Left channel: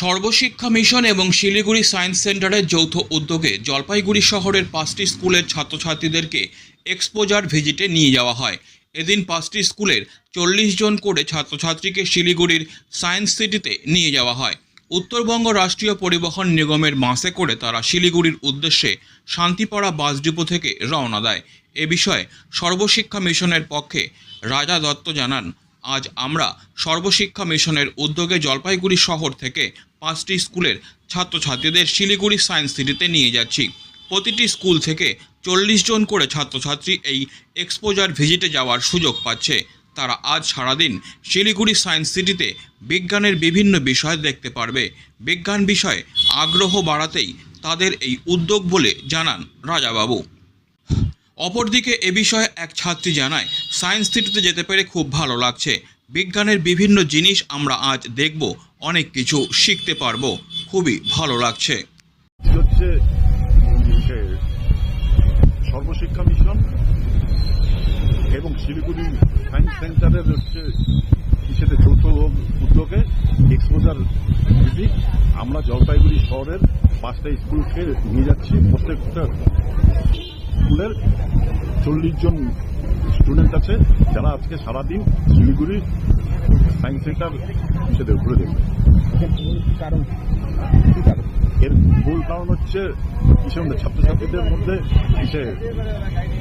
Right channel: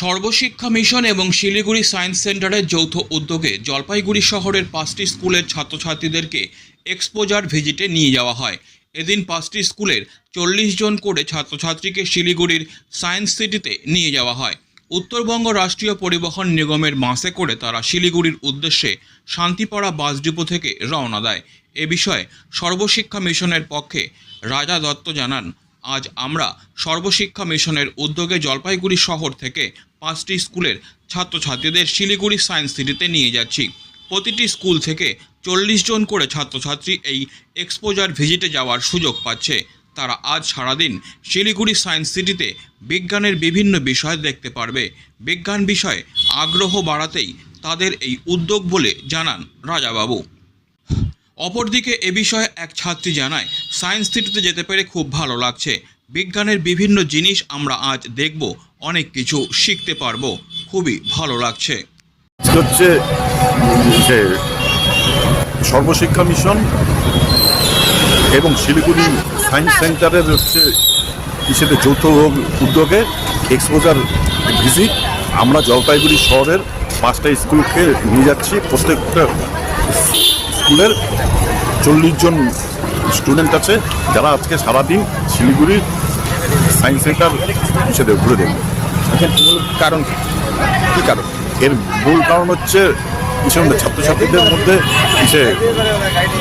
সর্বশিক্ষা mission এবং Siliguri science সেন্টারের যৌথ উদ্যোগে জলপাইগুড়ি শহরের পাঁচটি স্কুলের ছাত্রছাত্রীদেরকে এক্সপোজার ভিজিটে নিয়ে যাওয়া হয়। এদিন পাঁচটি স্কুলের চল্লিশ জন করে ছাত্রছাত্রীকে শিলিগুড়ির সায়েন্স সিটিতে নিয়ে যাওয়া হয়। উত্তরবঙ্গ রাষ্ট্রীয় পরিবহন নিগমের বাসে করে তারা শিলিগুড়ির উদ্দেশ্যে শান্তিপাড়া বাস ডিপো থেকে রওনা দেয়। এ বিষয়ে সর্বশিক্ষা মিশনের পক্ষে রাজা দত্ত জানান আজ আমরা সর্বশিক্ষা মিশনের উদ্যোগে জলপাইগুড়ি শহর থেকে পাঁচটি স্কুলের ছাত্রছাত্রীদের শিলিগুড়ি সায়েন্স সিটিতে নিয়ে যাচ্ছি। প্রতিটি স্কুল থেকে চল্লিশ জন করে ছাত্রছাত্রী এই এক্সপোজার ভিজিটে যাওয়ার সুযোগ পাচ্ছে। তারা আজ সারাদিন শিলিগুড়ি সায়েন্স সিটিতে বিজ্ঞানের বিভিন্ন বিষয় দেখতে পারবে। বিজ্ঞান বিষয়ে আগ্রহ বাড়াতেই তাদের এই উদ্যোগ বলে জানান রাজাবাবু। অপরদিকে এ বিষয়ে এক ছাত্রী জানায়, সায়েন্স সিটিতে যেতে পেরে খুব ভালো লাগছে। বিজ্ঞানের বিভিন্ন জিনিস আমরা আজ দেখব, অনেক কিছু শিখতে পারব। খুবই ভালো লাগছে। হচ্ছে, যে সর্বশিক্ষা মিশন এবং শিলিগুড়ি সায়েন্স সেন্টারের হচ্ছে হিসেবে যৌথ উদ্যোগে এক্সপোজার ভিজিট আমরা জলপাইগুড়ি শহরের পাঁচটা স্কুলকে নিয়ে যাচ্ছি। প্রত্যেকটা স্কুলের চল্লিশ জন স্টুডেন্ট আছে, যারা আজকে সারাদিন শিলিগুড়ি সায়েন্স সেন্টার হিসেবে ঘুরে দেখবে। কারণ কি? কারণ? এর মূল কারণ হচ্ছে কিছু ছাত্রছাত্রীদের মধ্যে কিসে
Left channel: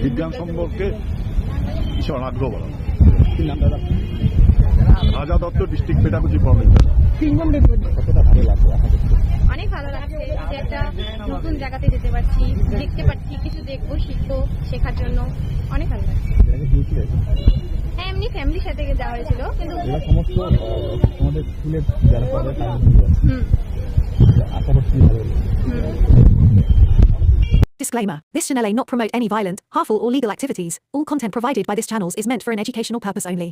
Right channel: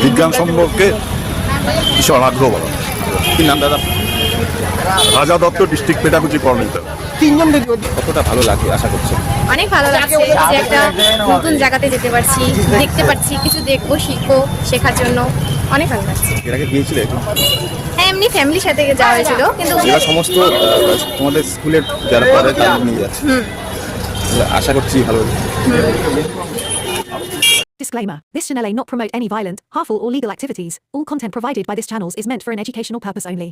বিজ্ঞান সম্পর্কে কিছু আগ্রহ বাড়ানো। কি নাম দাদা? রাজা দত্ত, ডিস্ট্রিক্ট পেডাগজি কোঅর্ডিনেটর কতটা ভালো লাগে আশা করছেন অনেক ভালো লাগছে যে একটা নতুন জায়গাতে যেতে পারছি দেখতে পাচ্ছি কিছু দেখব শিখব শেখার জন্য। অনেক ভালো লাগছে। এর আগে গিয়েছিলে হ্যাঁ এমনি ফ্যামিলির সাথে যাওয়া হয়েছিল কিন্তু এরা সমস্ত তোমাদের স্কুলের যারা পড়ে তাদের নিয়ে যাচ্ছে। আশা করছি ভালো Disclaimer This channel may not promote any violent, harmful, or legal activities. All content provided by this channel is meant for an educational purpose only.